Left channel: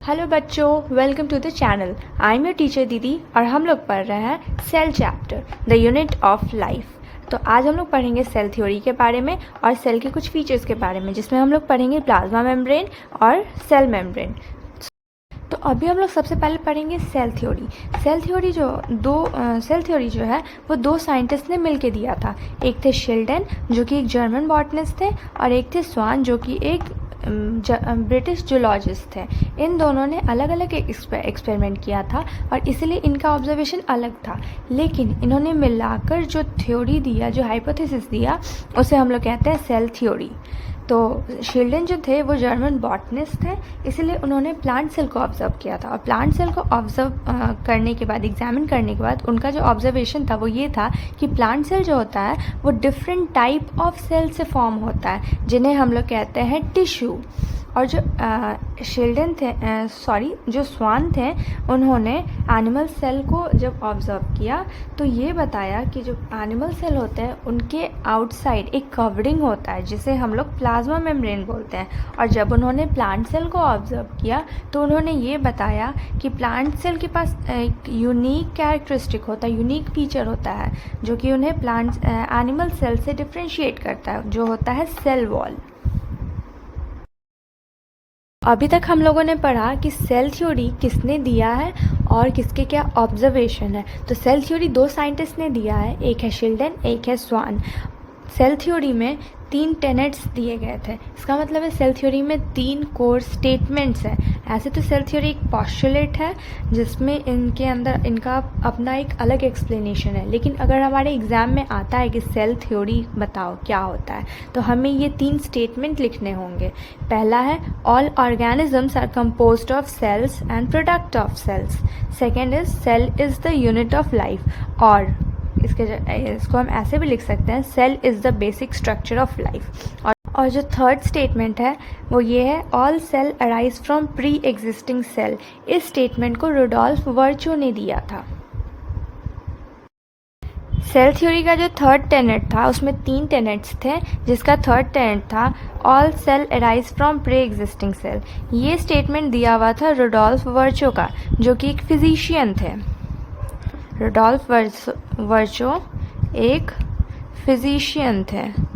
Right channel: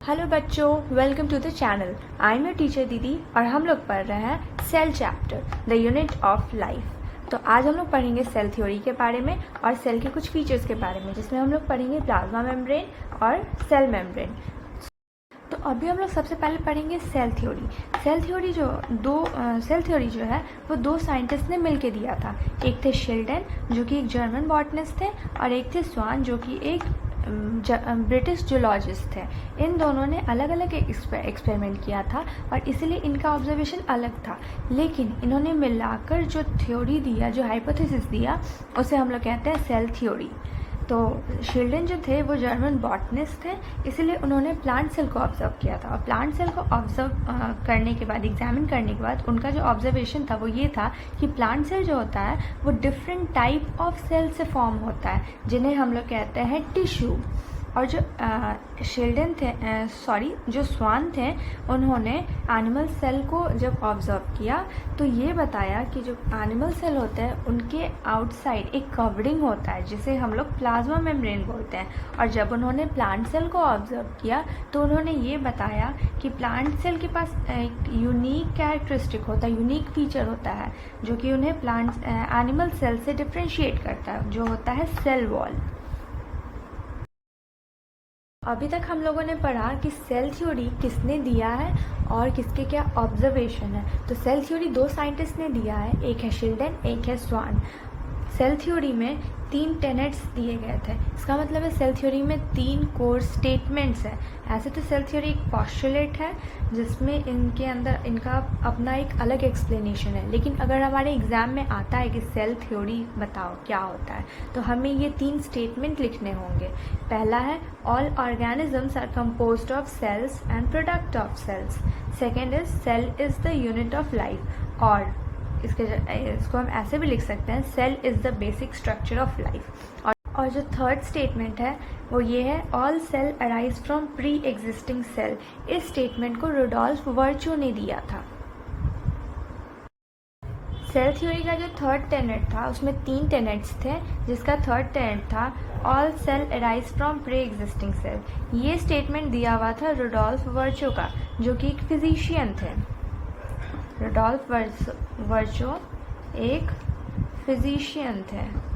Hello बच्चों, welcome to the channel. I am your teacher दीदी और हम लोग पढ़ रहे हैं cell chapter the unit of life. तो आज हम लोग पढ़ेंगे सेल थ्योरी के बारे में और सेल के कुछ फीचर्स के बारे में, जिसमें हम लोग पढ़ेंगे प्लाज्मा मेम्ब्रेन और सेल मेम्ब्रेन। तो अभी हम लोग सबसे पहले पढ़ेंगे सेल थ्योरी। सेल थ्योरी जो है वो दो साइंटिस्ट ने मिलके दिया था। एक थे शिल्डन जो कि एक जर्मन बॉटनिस्ट थे और एक थे स्वान जो कि एक ब्रिटिश जूलॉजिस्ट थे। इन दोनों ने अलग अलग एक्सपेरिमेंट किया था और इसलिए इनका ऑब्जर्वेशन अलग था, लेकिन इन्होंने मिलाकर जो थ्योरी दिया, जो हाइपोथेसिस दिया, उसे हम लोग कहते हैं सेल थ्योरी। तो शिल्डन जो थे वो जर्मन बॉटनिस्ट थे, इसलिए उन्होंने प्लांट सेल को ऑब्जर्व किया था और प्लांट सेल को ऑब्जर्व करने के बाद, एग्जामिन करने के बाद, उनका जो ऑब्जर्वेशन था वो ये था कि प्लांट सेल जो होता है वो डिफरेंट टाइप ऑफ सेल से फॉर्म होता है, जिन्हें हम लोग कहते हैं टिश्यू। और जो जो स्वान थे, उन्होंने एनिमल सेल को जब ऑब्जर्व किया तो ये बताया कि जो एनिमल सेल होते हैं उनके आउटसाइड एक कवरिंग होता है जिसे हम लोग प्लाज्मा मेम्ब्रेन बोलते हैं। और जब उन्होंने प्लांट सेल को ऑब्जर्व किया तो उन्होंने ये बताया कि प्लांट सेल के पास एक यूनिक कैरेक्टरिस्टिक होता है, यूनिक फीचर होता है जो कि उन्हें एनिमल सेल से डिफ्रेंशिएट करता है, जो होता है सेल वॉल। अभी तक हम लोगों ने पढ़ा कि सेल थ्योरी किसने दिया है और किसके क्या ऑब्जर्वेशन है। तो सेल थ्योरी दो साइंटिस्ट ने दिया है, एक है शिल्डन, एक है स्वान। सेल थ्योरी में 3 टेनेट्स दिए गए थे। इसका मतलब है सेल थ्योरी में 3 कोर स्टेटमेंट्स हैं। ऐसे तो सेल थ्योरी एक पॉस्टुलेट है जिसमें इनके अंदर इनका अपना एक अलग एक्सप्लेनेशन है, लेकिन अगर हमारे एग्जाम में आता है कि सेल थ्योरी बताओ क्या होता है, तो हमें ये 3 स्टेटमेंट लिखने होंगे। पहला है all organisms are composed of cells and product of cells. Second is cell is the unit of life, और इसको हम ऐसे भी लिख सकते हैं, cell is the basic structure of life. और जो थर्ड स्टेटमेंट है वो ये है all cell arise from pre existing cell. इस स्टेटमेंट को रुडोल्फ वर्चो ने दिया था। सेल थ्योरी का जो थर्ड टेनेट था उसमें 3 टेनेट्स थे, जिसका थर्ड टेनेट था all cell arise from pre existing cell. ये स्टेटमेंट दिया हुआ था रुडोल्फ वर्चो का, जो कि एक फिजिशियन थे। रुडोल्फ वर्चो एक फिजिशियन थे।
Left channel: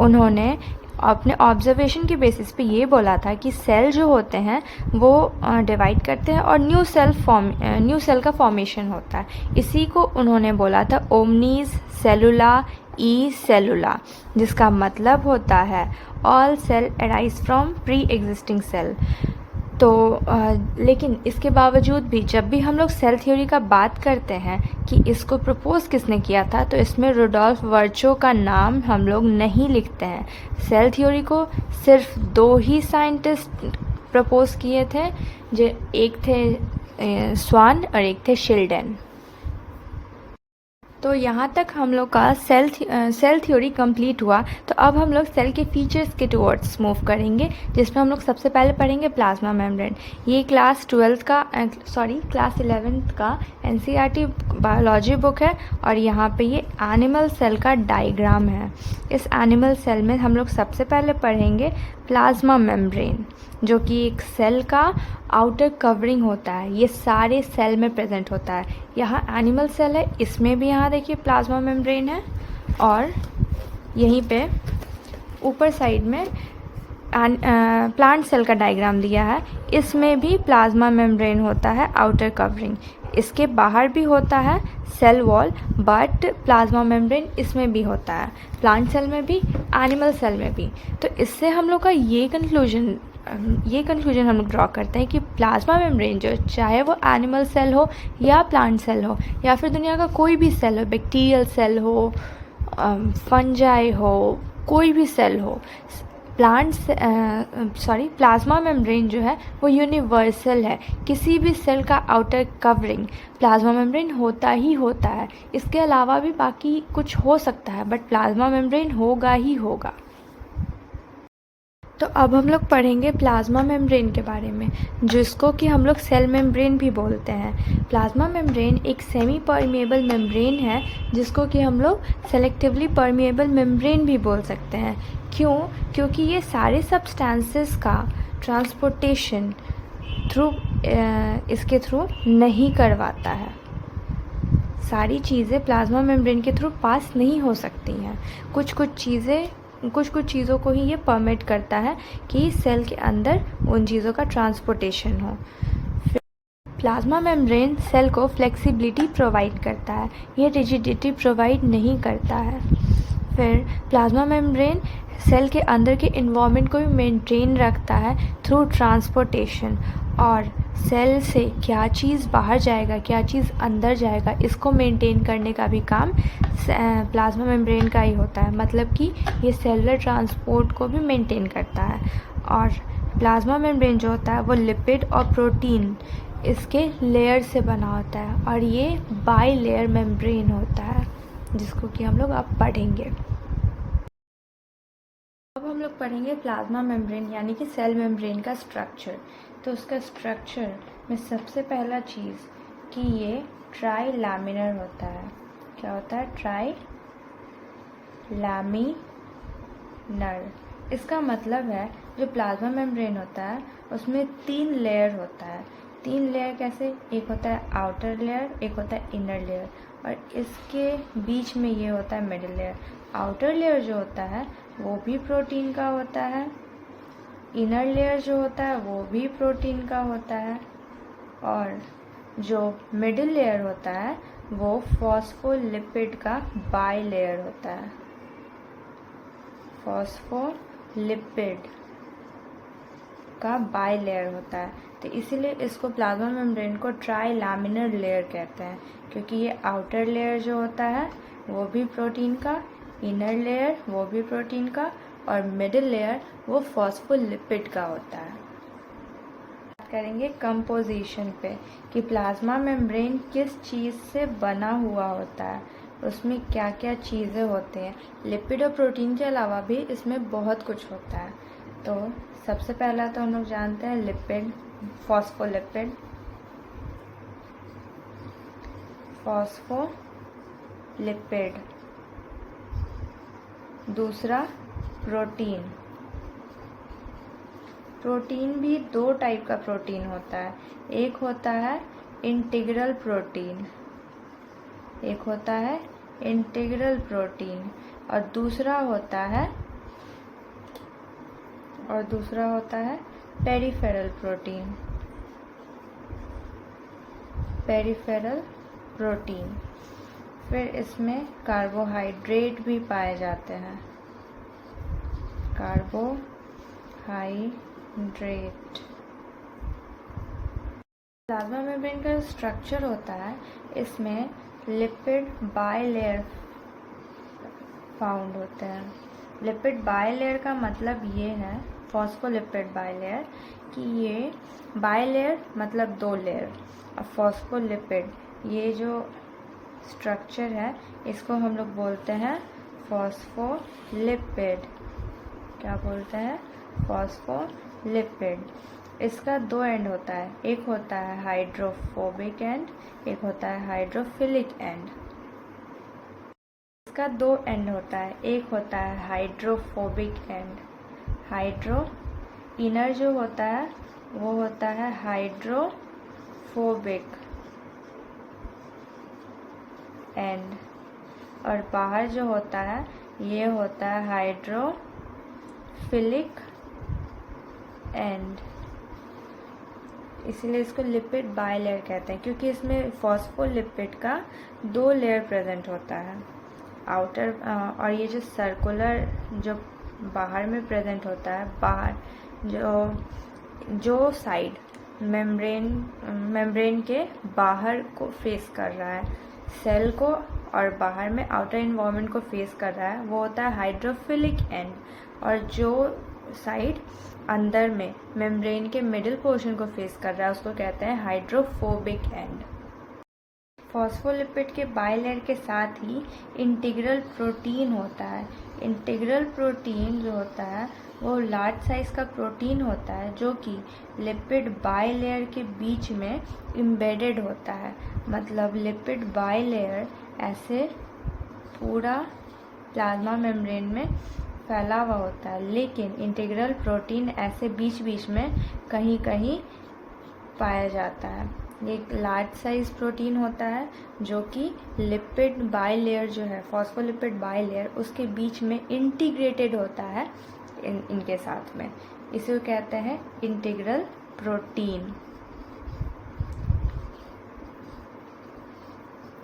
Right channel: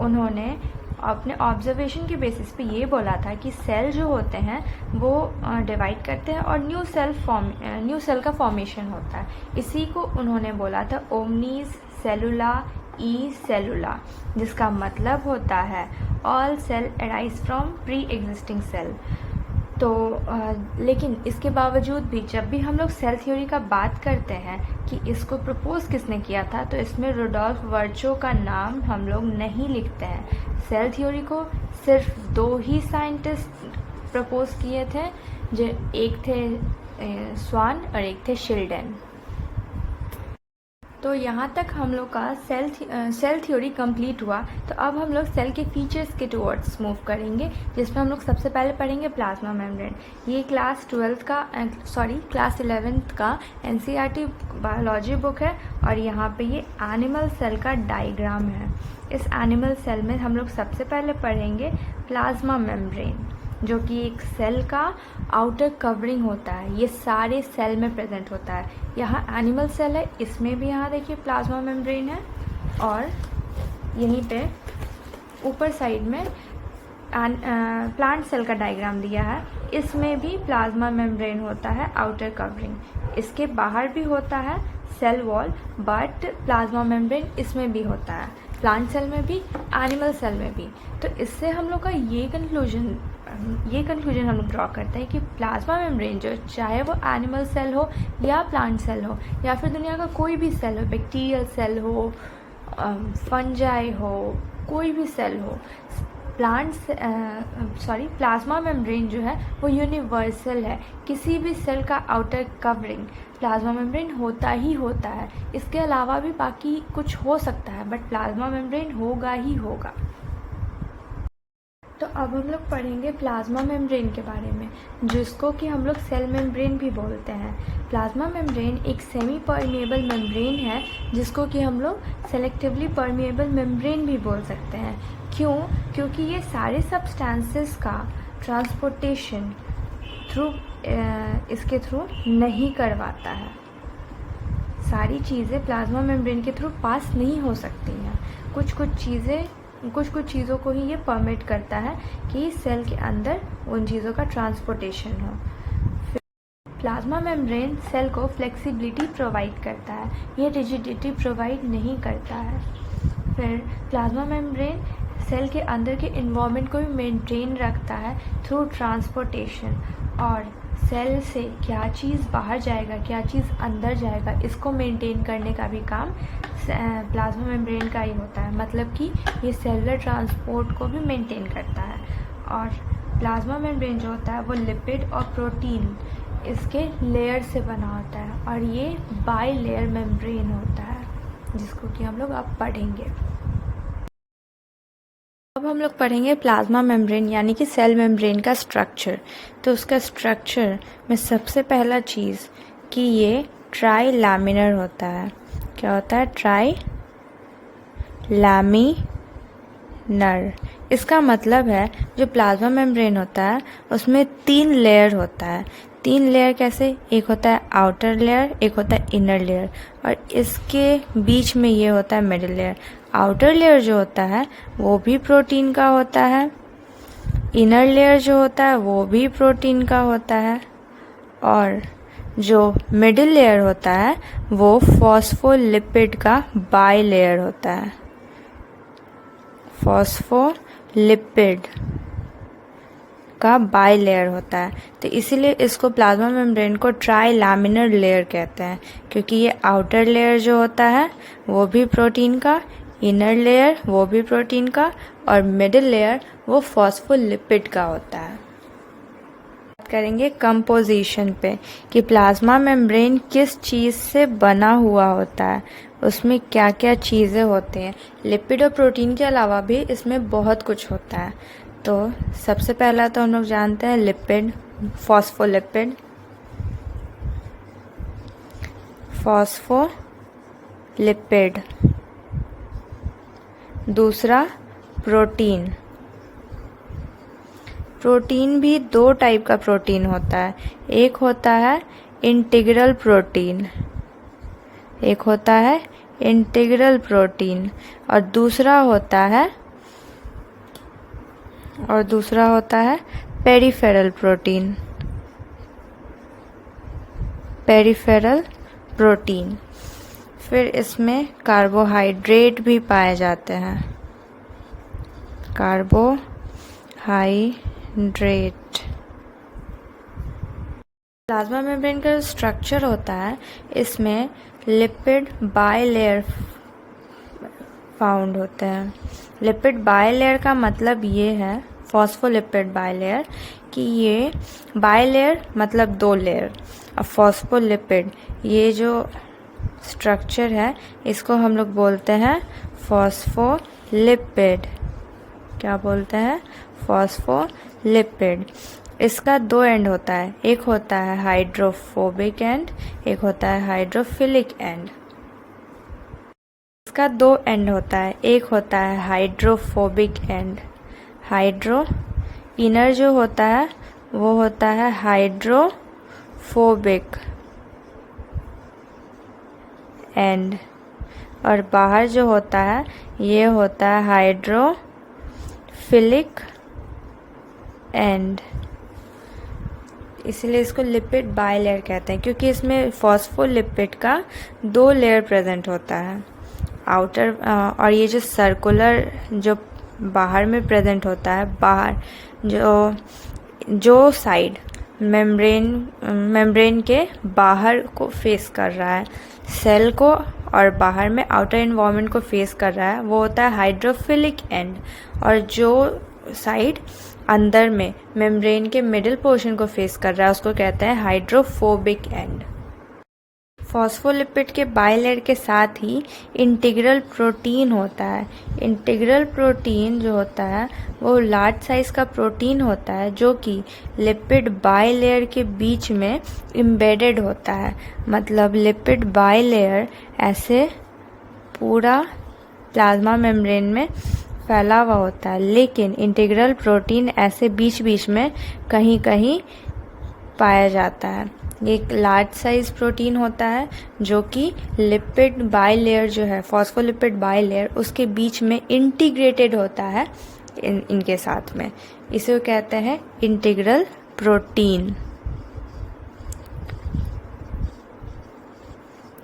उन्होंने अपने ऑब्जर्वेशन की बेसिस पे ये बोला था कि सेल जो होते हैं वो डिवाइड करते हैं और न्यू सेल का फॉर्मेशन होता है। इसी को उन्होंने बोला था ओमनीज सेलुला ई सेलुला, जिसका मतलब होता है all cell arise from pre existing cell. तो लेकिन इसके बावजूद भी जब भी हम लोग सेल थ्योरी का बात करते हैं कि इसको प्रपोज किसने किया था, तो इसमें रुडोल्फ वर्चो का नाम हम लोग नहीं लिखते हैं। सेल थ्योरी को सिर्फ 2 ही साइंटिस्ट प्रपोज किए थे, जो एक थे स्वान और एक थे शिल्डन। तो यहाँ तक हम लोग का सेल थ्योरी कंप्लीट हुआ। तो अब हम लोग सेल के फीचर्स के टुवर्ड्स मूव करेंगे, जिसमें हम लोग सबसे पहले पढ़ेंगे प्लाज्मा मेम्ब्रेन। ये क्लास 11th का NCERT बायोलॉजी बुक है और यहाँ पे ये एनिमल सेल का डायग्राम है। इस एनिमल सेल में हम लोग सबसे पहले पढ़ेंगे प्लाज्मा मेम्ब्रेन, जो कि एक सेल का आउटर कवरिंग होता है। ये सारे सेल में प्रेजेंट होता है। यहाँ एनिमल सेल है, इसमें भी यहाँ देखिए प्लाज्मा मेम्ब्रेन है, और यहीं पे ऊपर साइड में प्लांट सेल का डायग्राम दिया है, इसमें भी प्लाज्मा मेम्ब्रेन होता है आउटर कवरिंग। इसके बाहर भी होता है cell wall, but plasma membrane इसमें भी होता है, प्लांट सेल में भी, एनिमल सेल में भी। तो इससे हम लोग का ये कंक्लूजन हम लोग ड्रॉ करते हैं कि प्लाज्मा मेम्ब्रेन जो, चाहे वो एनिमल सेल हो या प्लांट सेल हो या फिर दुनिया का कोई भी सेल हो, बैक्टीरियल सेल हो, फंजाई हो, कोई भी सेल हो, प्लाज्मा मेम्ब्रेन जो है वो यूनिवर्सल है। किसी भी सेल का आउटर कवरिंग प्लाज्मा मेम्ब्रेन होता ही होता है। इसके अलावा भी बाकी कुछ हो सकता है, बट प्लाज्मा मेम्ब्रेन होगा ही होगा। तो अब हम लोग पढ़ेंगे प्लाज्मा मेम्ब्रेन के बारे में, जिसको कि हम लोग सेल मेम्ब्रेन भी बोलते हैं। प्लाज्मा मेम्ब्रेन एक सेमी परमिएबल मेम्ब्रेन है, जिसको कि हम लोग सेलेक्टिवली परमिएबल मेम्ब्रेन भी बोल सकते हैं। क्यों? क्योंकि ये सारे सब्सटेंसेस का ट्रांसपोर्टेशन इसके थ्रू नहीं करवाता है। सारी चीज़ें प्लाज्मा मेम्ब्रेन के थ्रू पास नहीं हो सकती हैं। कुछ कुछ चीज़ों को ही ये परमिट करता है कि सेल के अंदर उन चीज़ों का ट्रांसपोर्टेशन हो। प्लाज्मा मेम्ब्रेन सेल को फ्लेक्सिबिलिटी प्रोवाइड करता है, ये रिजिडिटी प्रोवाइड नहीं करता है। फिर प्लाज्मा मेम्ब्रेन सेल के अंदर के इन्वायरमेंट को भी मेंटेन रखता है थ्रू ट्रांसपोर्टेशन, और सेल से क्या चीज़ बाहर जाएगा, क्या चीज़ अंदर जाएगा, इसको मेंटेन करने का भी काम प्लाज्मा मेम्ब्रेन का ही होता है। मतलब कि ये सेलुलर ट्रांसपोर्ट को भी मेंटेन करता है। और प्लाज्मा मेम्ब्रेन जो होता है वो लिपिड और प्रोटीन इसके लेयर से बना होता है, और ये बाई लेयर मेम्ब्रेन होता है, जिसको कि हम लोग अब पढ़ेंगे। अब हम लोग पढ़ेंगे प्लाज्मा मेम्ब्रेन यानी कि सेल मेम्ब्रेन का स्ट्रक्चर। तो उसका स्ट्रक्चर में सबसे पहला चीज़ कि ये ट्राई लैमिनर होता है। क्या होता है? Try laminar. इसका मतलब है जो प्लाज्मा मेम्ब्रेन होता है उसमें 3 लेयर होता है। 3 लेयर कैसे? एक होता है आउटर लेयर, एक होता है इनर लेयर, और इसके बीच में ये होता है मिडिल लेयर। आउटर लेयर जो होता है वो भी प्रोटीन का होता है, इनर लेयर जो होता है वो भी प्रोटीन का होता है, और जो मिडिल लेयर होता है वो फॉस्फोलिपिड का बाई लेयर होता है। फॉस्फोलिपिड का बाई लेयर होता है। तो इसीलिए इसको प्लाज्मा मेम्ब्रेन को ट्राई लैमिनर लेयर कहते हैं, क्योंकि ये आउटर लेयर जो होता है वो भी प्रोटीन का, इनर लेयर वो भी प्रोटीन का, और मिडिल लेयर वो फॉस्फोलिपिड का होता है। बात करेंगे कंपोजिशन पे कि प्लाज्मा मेम्ब्रेन किस चीज़ से बना हुआ होता है, उसमें क्या क्या चीज़ें होती हैं। लिपिड और प्रोटीन के अलावा भी इसमें बहुत कुछ होता है। तो सबसे पहला तो हम लोग जानते हैं लिपिड, फॉस्फोलिपिड, फॉस्फोलिपिड। दूसरा प्रोटीन। प्रोटीन भी 2 टाइप का प्रोटीन होता है। एक होता है इंटीग्रल प्रोटीन, एक होता है इंटीग्रल प्रोटीन, और दूसरा होता है पेरिफेरल प्रोटीन। Peripheral protein. फिर इसमें कार्बोहाइड्रेट भी पाए जाते हैं। कार्बोहाइड्रेट। प्लाज्मा मेम्ब्रेन का जो स्ट्रक्चर होता है इसमें लिपिड बाई लेयर फाउंड होते हैं। लिपिड बाई लेयर का मतलब ये है, फॉस्फोलिपिड बाई लेयर, कि ये बाई लेयर मतलब 2 लेयर, और फॉस्फोलिपिड ये जो स्ट्रक्चर है इसको हम लोग बोलते हैं फॉस्फोलिपिड। क्या बोलते हैं? फॉस्फोलिपिड। इसका 2 एंड होता है, एक होता है हाइड्रोफोबिक एंड, एक होता है हाइड्रोफिलिक एंड। इसका 2 एंड होता है, एक होता है हाइड्रोफोबिक एंड, इनर जो होता है वो होता है हाइड्रोफोबिक एंड, और बाहर जो होता है ये होता है हाइड्रोफिलिक एंड। इसलिए इसको लिपिड बाई लेयर कहते हैं, क्योंकि इसमें फॉस्फोलिपिड का 2 लेयर प्रेजेंट होता है, आउटर, और ये जो सर्कुलर जो बाहर में प्रेजेंट होता है, बाहर जो साइड मेम्ब्रेन के बाहर को फेस कर रहा है सेल को, और बाहर में आउटर इन्वायरमेंट को फेस कर रहा है, वो होता है हाइड्रोफिलिक एंड, और जो साइड अंदर में मेम्ब्रेन के मिडिल पोर्शन को फेस कर रहा है उसको कहते हैं हाइड्रोफोबिक एंड। फॉस्फोलिपिड के बाई लेयर के साथ ही इंटीग्रल प्रोटीन होता है। इंटीग्रल प्रोटीन जो होता है वो लार्ज साइज़ का प्रोटीन होता है जो कि लिपिड बाई लेयर के बीच में एम्बेडेड होता है। मतलब लिपिड बाई लेयर ऐसे पूरा प्लाज्मा मेम्ब्रेन में फैला हुआ होता है, लेकिन इंटीग्रल प्रोटीन ऐसे बीच बीच में कहीं कहीं पाया जाता है। ये एक लार्ज साइज प्रोटीन होता है जो कि लिपिड बाइलेयर जो है, फॉस्फोलिपिड बाइलेयर, उसके बीच में इंटीग्रेटेड होता है इनके साथ में। इसे कहते हैं इंटीग्रल प्रोटीन।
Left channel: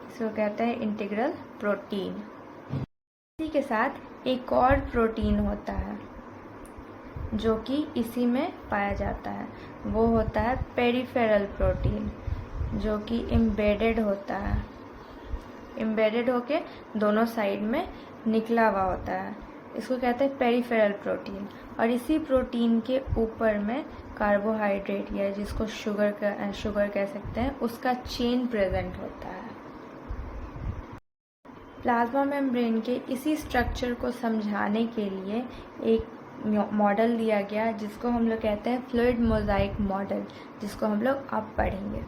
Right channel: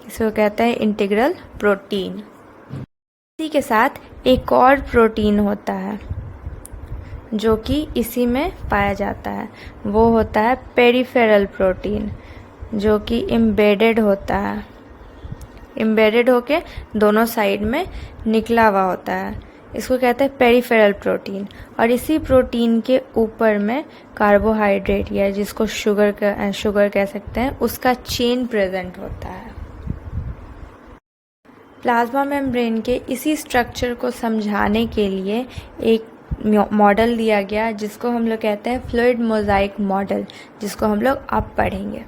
इसे कहते हैं इंटीग्रल प्रोटीन। इसी के साथ एक और प्रोटीन होता है जो कि इसी में पाया जाता है, वो होता है पेरिफेरल प्रोटीन, जो कि एम्बेडेड होता है, एम्बेडेड होके दोनों साइड में निकला हुआ होता है। इसको कहते हैं पेरिफेरल प्रोटीन। और इसी प्रोटीन के ऊपर में कार्बोहाइड्रेट या जिसको शुगर कह सकते हैं, उसका चेन प्रेजेंट होता है। प्लाज्मा मेम्ब्रेन के इसी स्ट्रक्चर को समझाने के लिए एक मॉडल दिया गया जिसको हम लोग कहते हैं फ्लूइड मोज़ाइक मॉडल, जिसको हम लोग अब पढ़ेंगे।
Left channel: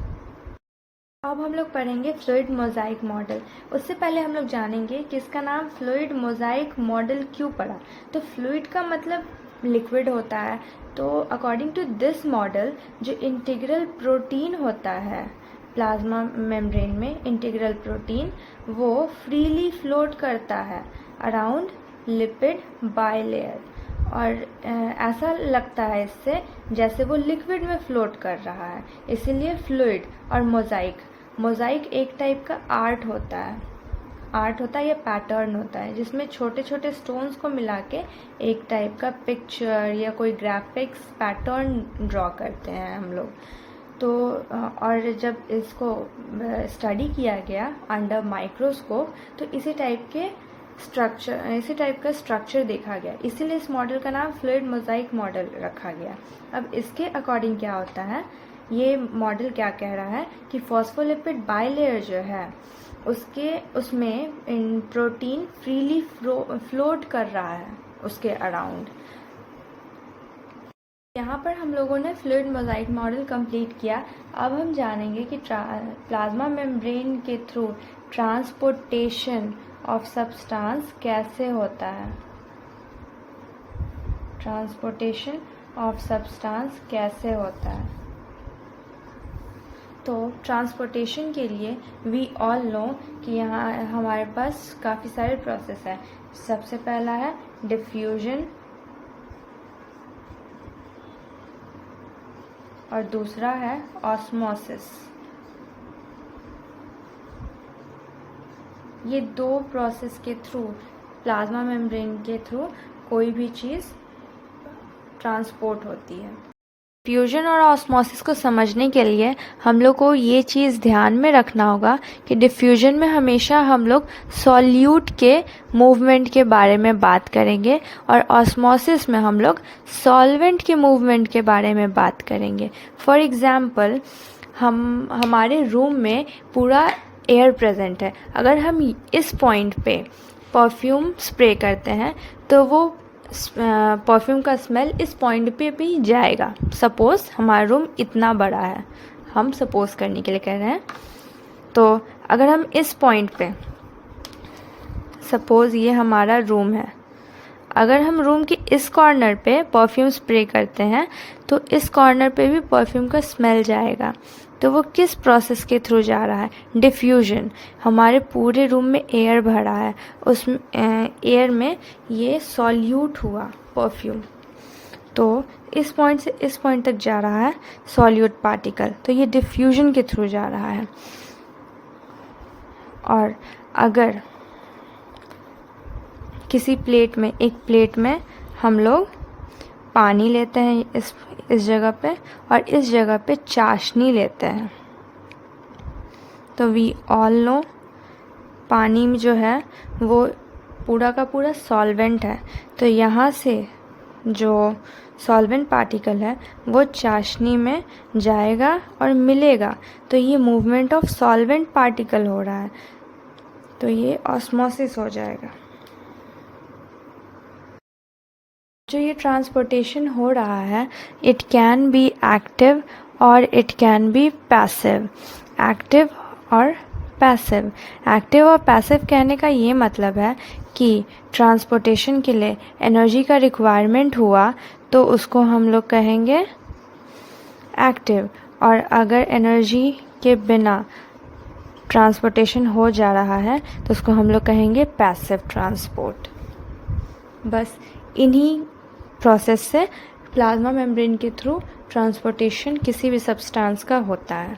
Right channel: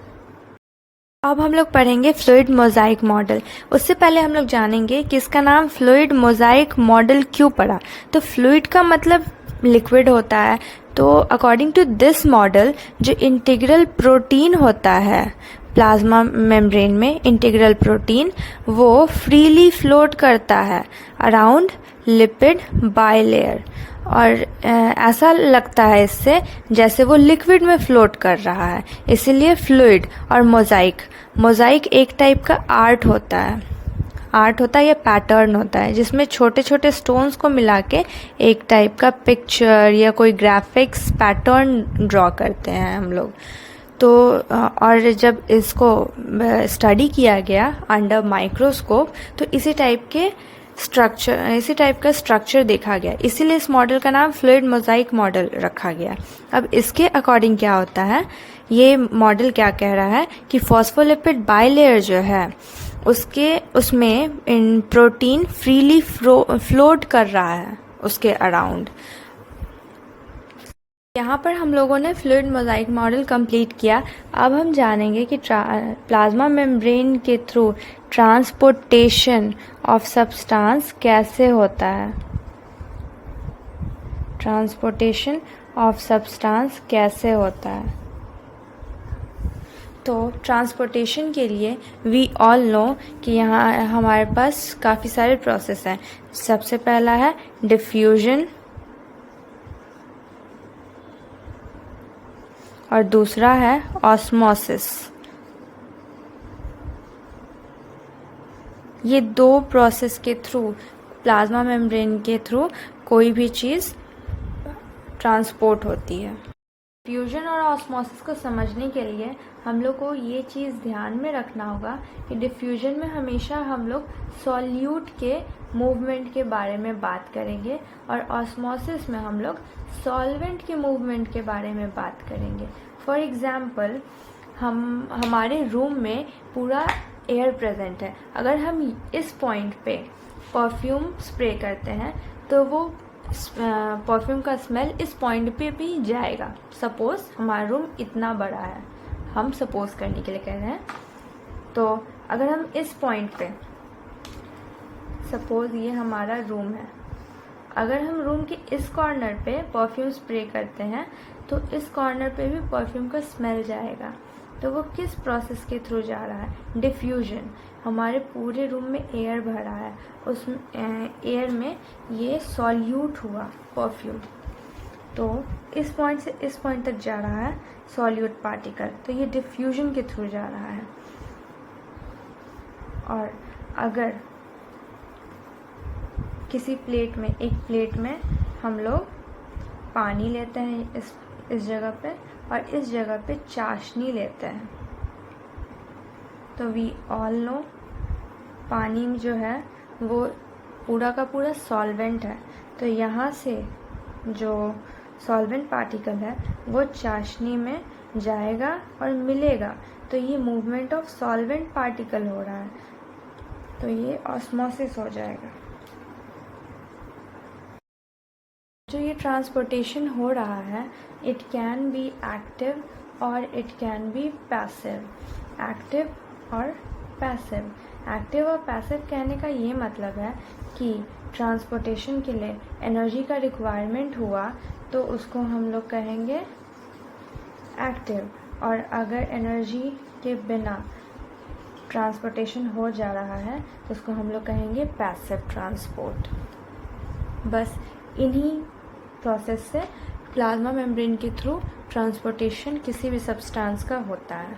अब हम लोग पढ़ेंगे फ्लूइड मोज़ाइक मॉडल। उससे पहले हम लोग जानेंगे कि इसका नाम फ्लूइड मोज़ाइक मॉडल क्यों पड़ा। तो फ्लूइड का मतलब लिक्विड होता है। तो अकॉर्डिंग टू दिस मॉडल, जो इंटीग्रल प्रोटीन होता है प्लाज्मा मेम्ब्रेन में, इंटीग्रल प्रोटीन वो फ्रीली फ्लोट करता है अराउंड लिपिड बाइलेयर, और ऐसा लगता है इससे जैसे वो लिक्विड में फ्लोट कर रहा है, इसीलिए फ्लूइड। और मोज़ाइक एक टाइप का आर्ट होता है या पैटर्न होता है, जिसमें छोटे छोटे स्टोन्स को मिला के एक टाइप का पिक्चर या कोई ग्राफिक्स पैटर्न ड्रॉ करते हैं हम लोग। तो और जब इसको स्टडी किया गया अंडर माइक्रोस्कोप, तो इसी टाइप का स्ट्रक्चर देखा गया, इसीलिए इस मॉडल का नाम फ्लूइड मोज़ाइक मॉडल रखा गया। अब इसके अकॉर्डिंग क्या होता है, ये मॉडल क्या कह रहा है कि फॉस्फोलिपिड बाइलेयर जो है उसमें प्रोटीन फ्रीली फ्लोट कर रहा है उसके अराउंड। यहाँ पर हम लोगों ने फ्लूइड मोज़ाइक मॉडल कंप्लीट किया। अब हम जानेंगे कि प्लाज्मा मेम्ब्रेन के थ्रू ट्रांसपोर्टेशन ऑफ सब्सटेंस कैसे होता है। ट्रांसपोर्टेशन ऑफ सब्सटेंस कैसे होता है। तो ट्रांसपोर्टेशन के लिए वी ऑल नो कि यहाँ हमारे पास काफ़ी सारे प्रोसेस हैं। सबसे पहला है डिफ्यूजन, और दूसरा है ऑस्मोसिस। ये दो प्रोसेस के थ्रू, प्लाज्मा मेम्ब्रेन के थ्रू कोई भी चीज़ ट्रांसपोर्ट होती है। डिफ्यूजन और ऑस्मोसिस को समझने के लिए हम लोग को ये चीज़ ध्यान में रखना होगा कि डिफ्यूजन में हमेशा हम लोग सॉल्यूट के मूवमेंट के बारे में बात करेंगे, और ऑस्मोसिस में हम लोग सॉल्वेंट के मूवमेंट के बारे में बात करेंगे। फॉर एग्ज़ाम्पल, हमारे रूम में पूरा एयर प्रेजेंट है। अगर हम इस पॉइंट पे परफ्यूम स्प्रे करते हैं तो वो परफ्यूम का स्मेल इस पॉइंट पे भी जाएगा। सपोज़ हमारा रूम इतना बड़ा है, हम सपोज़ करने के लिए कह रहे हैं, तो अगर हम इस पॉइंट पे, सपोज़ ये हमारा रूम है, अगर हम रूम के इस कॉर्नर पे परफ्यूम स्प्रे करते हैं तो इस कॉर्नर पे भी परफ्यूम का स्मेल जाएगा। तो वो किस प्रोसेस के थ्रू जा रहा है? डिफ्यूजन। हमारे पूरे रूम में एयर भरा है, उस एयर में ये सॉल्यूट हुआ परफ्यूम, तो इस पॉइंट से इस पॉइंट तक जा रहा है सॉल्यूट पार्टिकल, तो ये डिफ्यूजन के थ्रू जा रहा है। और अगर किसी एक प्लेट में हम लोग पानी लेते हैं इस जगह पे, और इस जगह पे चाशनी लेते हैं, तो वी ऑल नो पानी में जो है वो पूरा का पूरा सॉल्वेंट है। तो यहाँ से जो सॉल्वेंट पार्टिकल है वो चाशनी में जाएगा और मिलेगा, तो ये मूवमेंट ऑफ सॉल्वेंट पार्टिकल हो रहा है, तो ये ऑस्मोसिस हो जाएगा। जो ये ट्रांसपोर्टेशन हो रहा है, इट कैन बी एक्टिव और it can be passive. Active और पैसिव। एक्टिव और पैसिव कहने का ये मतलब है कि ट्रांसपोर्टेशन के लिए एनर्जी का रिक्वायरमेंट हुआ तो उसको हम लोग कहेंगे एक्टिव, और अगर एनर्जी के बिना ट्रांसपोर्टेशन हो जा रहा है तो उसको हम लोग कहेंगे पैसिव ट्रांसपोर्ट। बस इन्हीं प्रोसेस से प्लाज्मा मेम्ब्रेन के थ्रू ट्रांसपोर्टेशन किसी भी सब्सटेंस का होता है।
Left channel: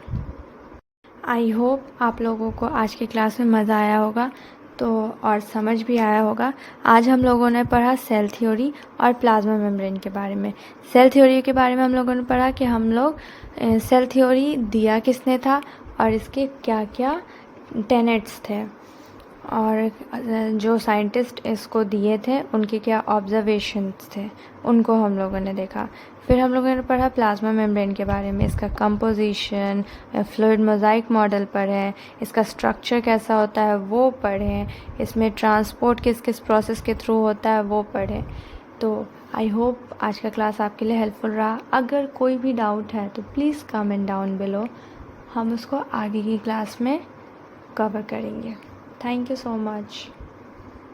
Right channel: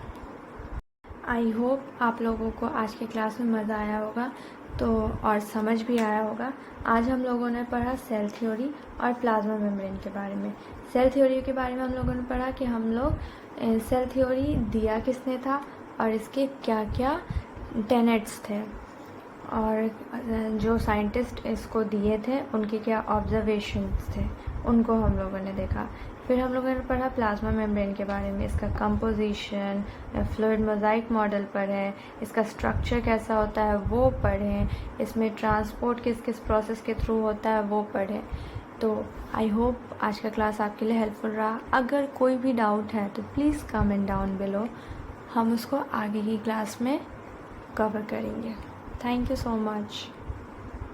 आई होप आप लोगों को आज की क्लास में मज़ा आया होगा तो और समझ भी आया होगा। आज हम लोगों ने पढ़ा सेल थ्योरी और प्लाज्मा मेम्ब्रेन के बारे में। सेल थ्योरी के बारे में हम लोगों ने पढ़ा कि हम लोग सेल थ्योरी दिया किसने था और इसके क्या क्या टेनेट्स थे और जो साइंटिस्ट इसको दिए थे उनके क्या ऑब्जर्वेशंस थे, उनको हम लोगों ने देखा। फिर हम लोगों ने पढ़ा प्लाज्मा मेम्ब्रेन के बारे में, इसका कंपोजिशन, फ्लूइड मोज़ाइक मॉडल पढ़े, इसका स्ट्रक्चर कैसा होता है वो पढ़े, इसमें ट्रांसपोर्ट किस किस प्रोसेस के थ्रू होता है वो पढ़े। तो आई होप आज का क्लास आपके लिए हेल्पफुल रहा। अगर कोई भी डाउट है तो प्लीज़ कमेंट डाउन बिलो, हम उसको आगे की क्लास में कवर करेंगे। Thank you so much.